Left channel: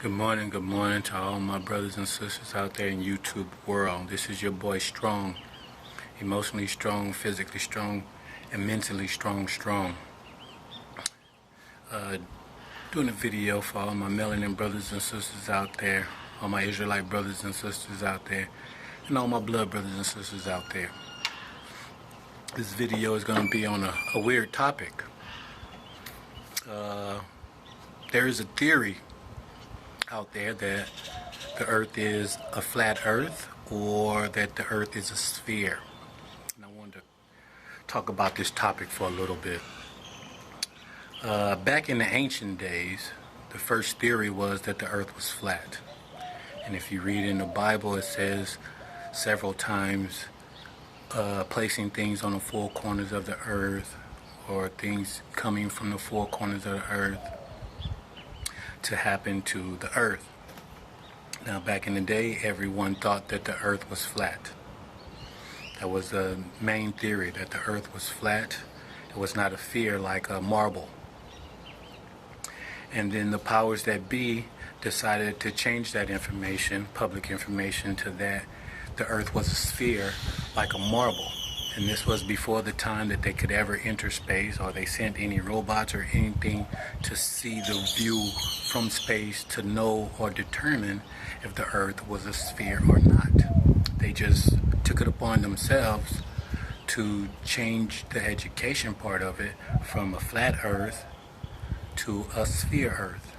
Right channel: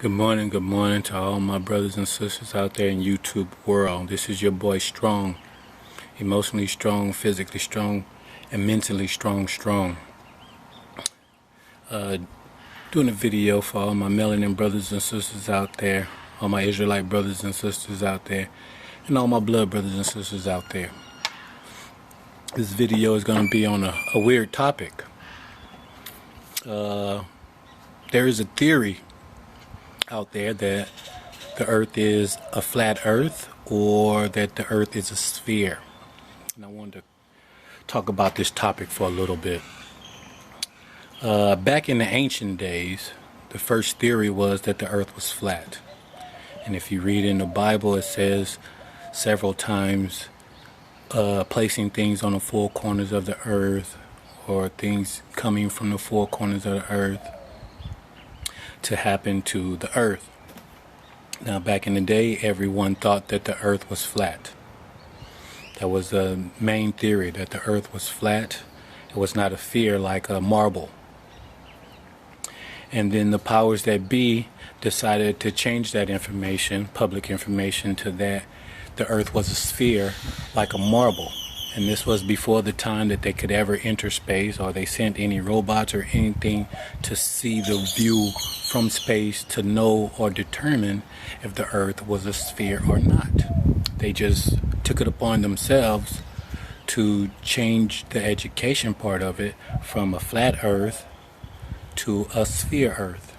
Good morning to all my brothers and sisters out there in YouTube world. This is your boy Strong, emotionally strong, physically strong, and mentally strong. Doing a video for all my melanin brothers and sisters out there, all my Israelite brothers and sisters out there, and all my blood brothers and sisters out there. This video is going to be on a weird topic. There is a theory out there that the earth is a flat earth or that the earth is a sphere. And I wanted to talk about this topic for a little bit. Back in the ancient days, the first theory was that the earth was flat. And if you read in the Bible, it says several times placing things on the four corners of the earth, or things coming from the four corners of the earth to happen to the earth. Now, back in the day, everyone thought that the earth was flat. That was the main theory, that the earth was flat. It was not a sphere like a marble. And then the powers that be decided to change that information, public information, to that the earth was a sphere like a marble. And this was before the time that they could ever enter space, or they sent any robots or anything to see the view from space to know or determine if the earth was a sphere or not. They just took it upon themselves to change the education part of it from a flat earth to a sphere earth.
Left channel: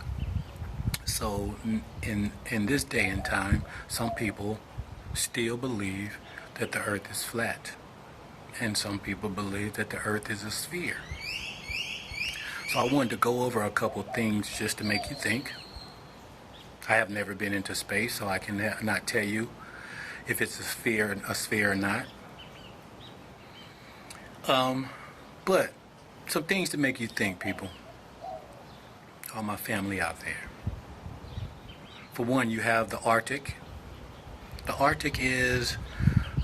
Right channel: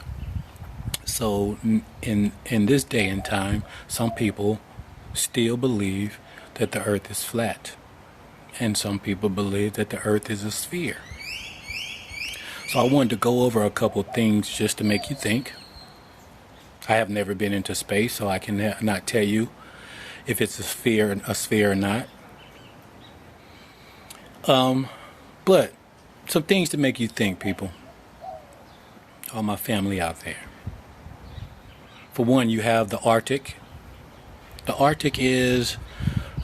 So in this day and time, some people still believe that the earth is flat. And some people believe that the earth is a sphere. So I wanted to go over a couple things just to make you think. I have never been into space, so I can not tell you if it's a sphere or not. But some things to make you think, people. All my family out there. For one, you have the Arctic. The Arctic is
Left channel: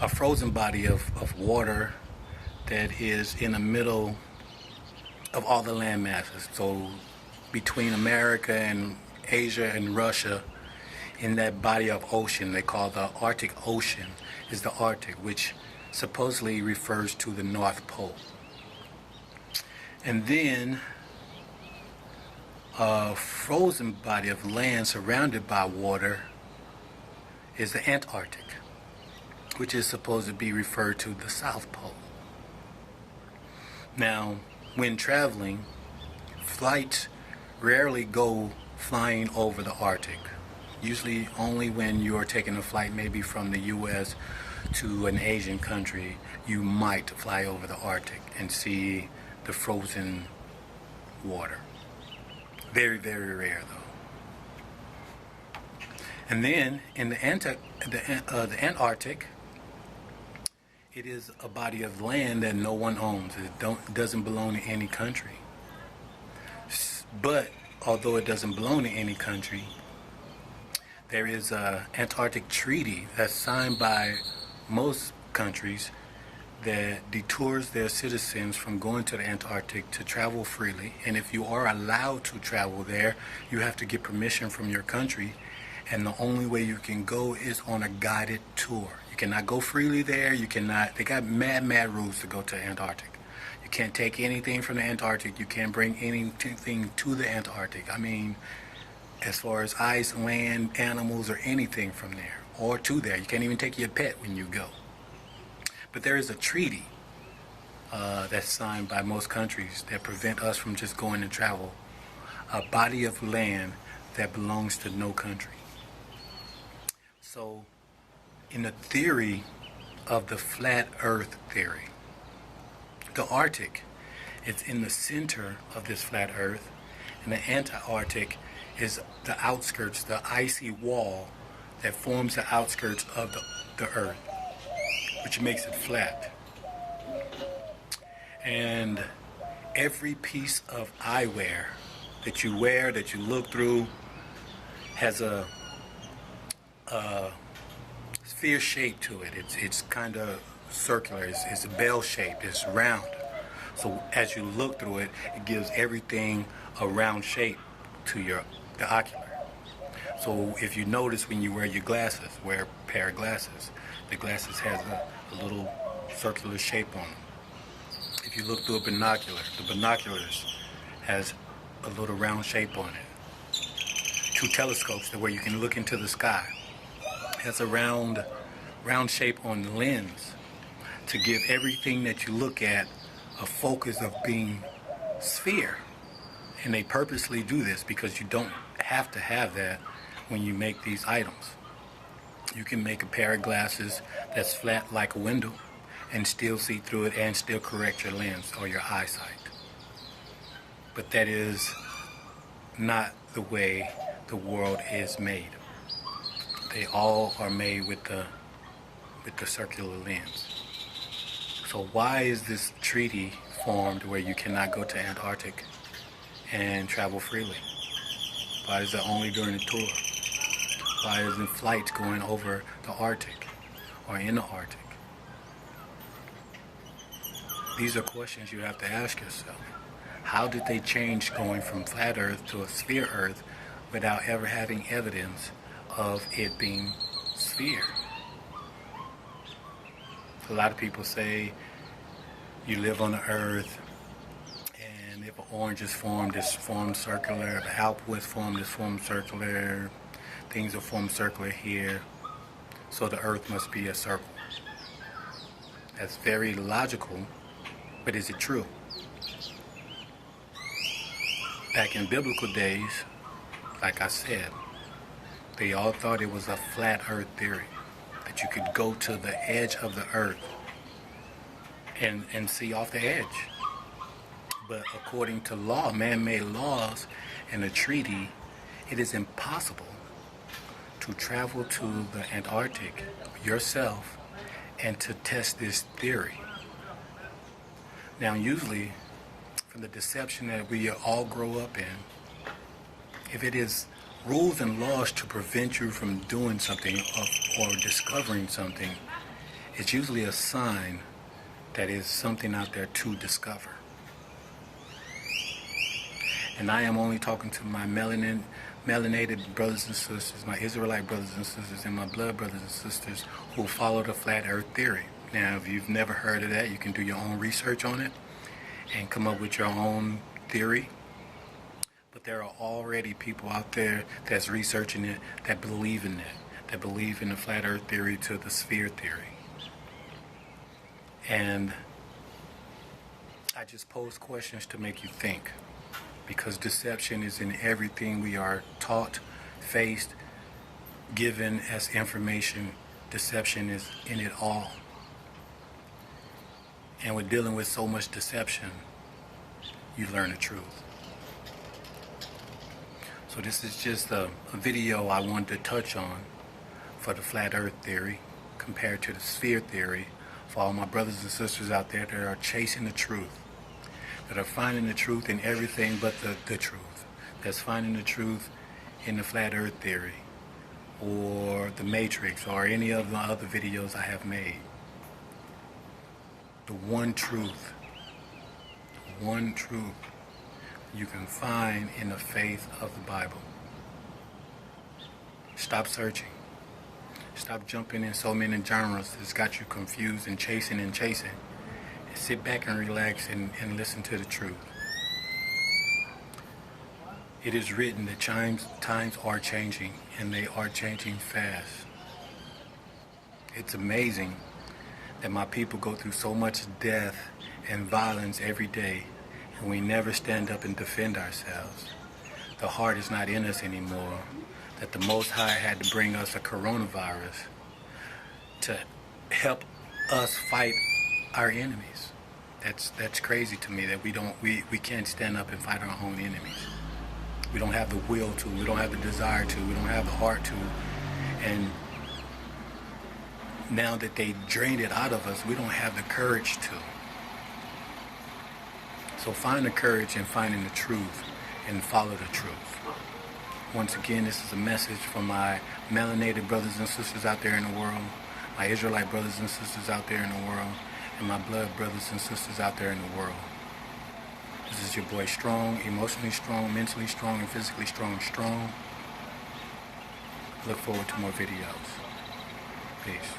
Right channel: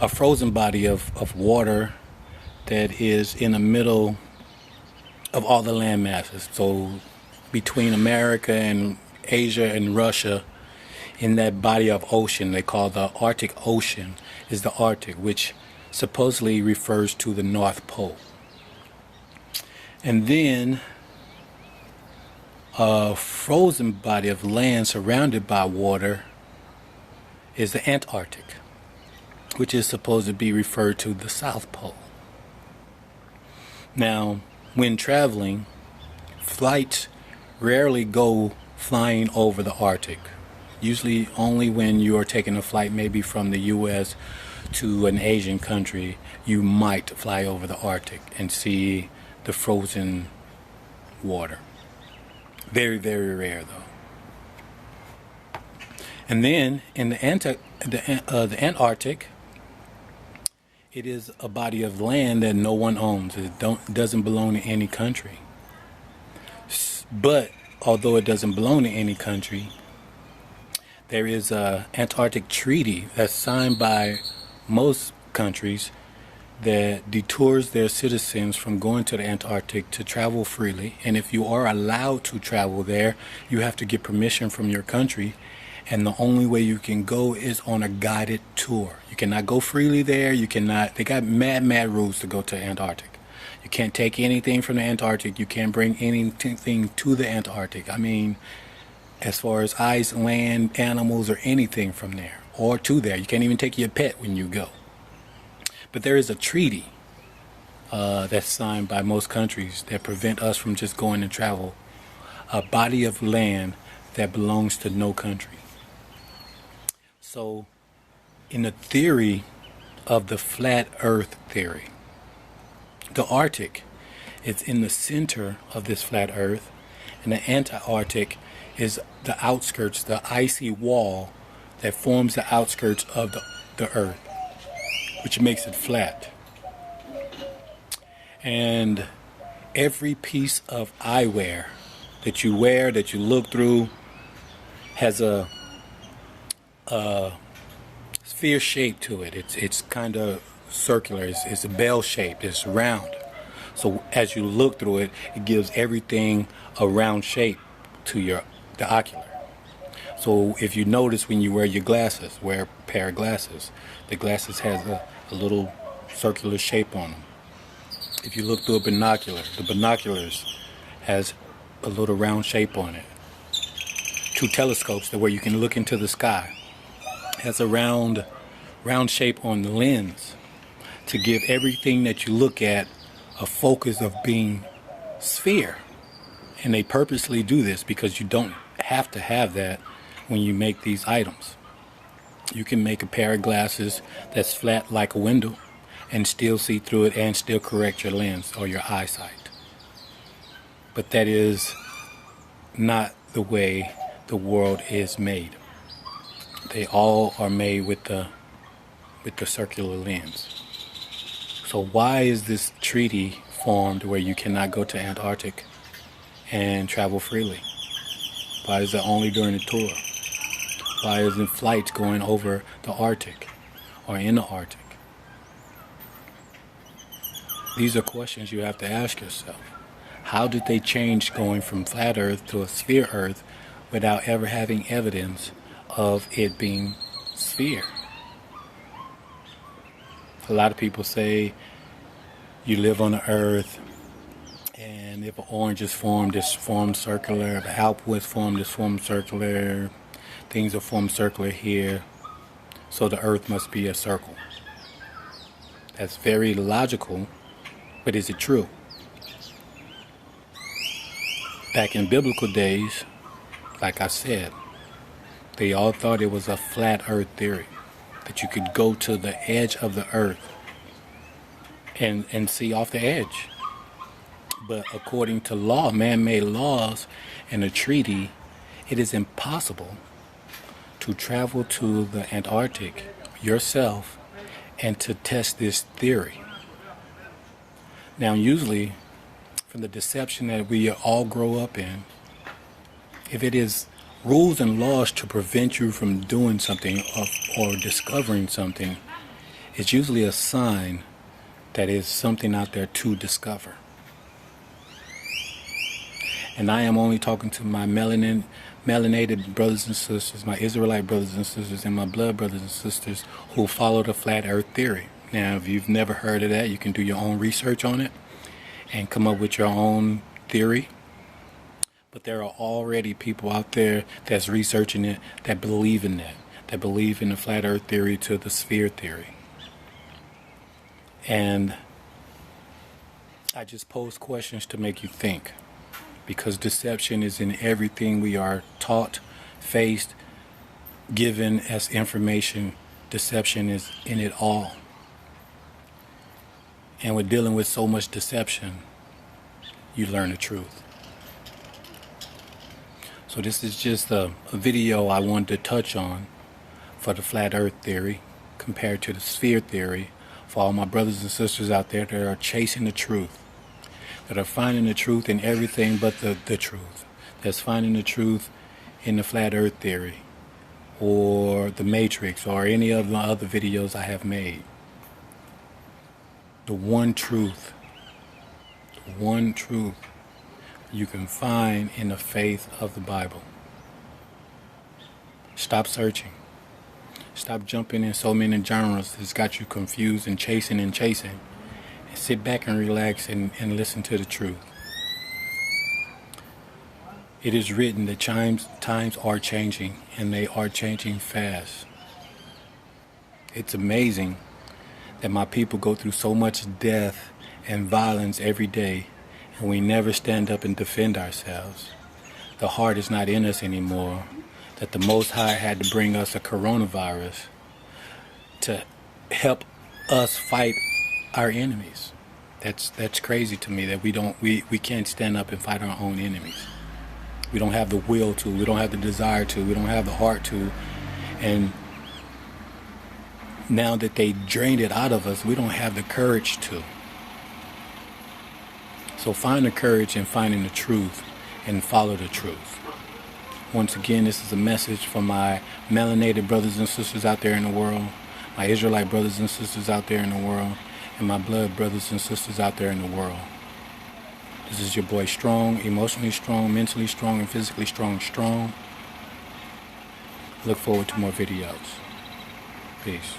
a frozen body of water that is in the middle of all the land masses. So between America and Asia and Russia, in that body of ocean they call the Arctic Ocean, is the Arctic, which supposedly refers to the North Pole. And then a frozen body of land surrounded by water is the Antarctic, which is supposed to be referred to the South Pole. Now, when traveling, flights rarely go flying over the Arctic. Usually only when you are taking a flight maybe from the U.S. to an Asian country, you might fly over the Arctic and see the frozen water. Very, very rare, though. And then in the Antarctic, it is a body of land that no one owns. It doesn't belong to any country. But although it doesn't belong to any country, there is an Antarctic treaty that's signed by most countries that detours their citizens from going to the Antarctic to travel freely. And if you are allowed to travel there, you have to get permission from your country. And the only way you can go is on a guided tour. You cannot go freely there. You cannot. They got mad rules to go to Antarctic. You can't take anything from the Antarctic. You can't bring anything to the Antarctic. I mean, as far as ice, land, animals, or anything from there or to there. You can't even take your pet when you go. But there is a treaty that's signed by most countries that prevent us from just going and travel. A body of land that belongs to no country. So, in the theory of the flat earth theory, the Arctic is in the center of this flat earth, and the Antarctic is the outskirts, the icy wall that forms the outskirts of the earth, which makes it flat. And every piece of eyewear that you wear, that you look through, has a sphere shape to it. It's kind of circular. It's a bell shape. It's round. So as you look through it, it gives everything a round shape to the ocular. So if you notice when you wear your glasses, wear a pair of glasses, the glasses has a little circular shape on them. If you look through a binocular, the binoculars has a little round shape on it. Two telescopes where you can look into the sky has a round shape on the lens to give everything that you look at a focus of being sphere. And they purposely do this because you don't have to have that when you make these items. You can make a pair of glasses that's flat like a window and still see through it and still correct your lens or your eyesight. But that is not the way the world is made. They all are made with the circular lens. So why is this treaty formed where you cannot go to Antarctic and travel freely? Why is it only during the tour? Why isn't flights going over the Arctic or in the Arctic? These are questions you have to ask yourself. How did they change going from flat Earth to a sphere Earth without ever having evidence of it being sphere? A lot of people say you live on the Earth, and if an orange is formed, it's formed circular. The apple is formed, it's formed circular. Things are formed circular here, so the Earth must be a circle. That's very logical, but is it true? Back in biblical days, like I said, they all thought it was a flat Earth theory, that you could go to the edge of the Earth and see off the edge. But according to law, man-made laws and a treaty, it is impossible to travel to the Antarctic yourself and to test this theory. Now, usually, from the deception that we all grow up in, if it is rules and laws to prevent you from doing something or discovering something, it's usually a sign that is something out there to discover. And I am only talking to my melanated brothers and sisters, my Israelite brothers and sisters, and my blood brothers and sisters who follow the flat Earth theory. Now, if you've never heard of that, you can do your own research on it and come up with your own theory. But there are already people out there that's researching it that believe in that believe in the flat Earth theory to the sphere theory. And I just pose questions to make you think, because deception is in everything we are taught, faced, given as information. Deception is in it all. And with dealing with so much deception, you learn the truth. So this is just a video I wanted to touch on for the flat Earth theory compared to the sphere theory, for all my brothers and sisters out there that are chasing the truth, that are finding the truth in everything but the truth, that's finding the truth in the flat Earth theory or the Matrix or any of the other videos I have made. The one truth you can find in the faith of the Bible. Stop searching. Stop jumping in so many genres that's got you confused and chasing. And sit back and relax and listen to the truth. It is written that times are changing, and they are changing fast. It's amazing that my people go through so much death and violence every day, and we never stand up and defend ourselves. The heart is not in us anymore, that the Most High had to bring us a coronavirus to help us fight our enemies. That's crazy to me, that we can't stand up and fight our own enemies. We don't have the will to, we don't have the desire to, we don't have the heart to, and now that they drained it out of us, we don't have the courage to. So find the courage in finding the truth and follow the truth. Once again, this is a message from my melanated brothers and sisters out there in the world, my Israelite brothers and sisters out there in the world, and my blood brothers and sisters out there in the world. This is your boy Strong, emotionally strong, mentally strong, and physically strong. Look forward to more videos. Peace.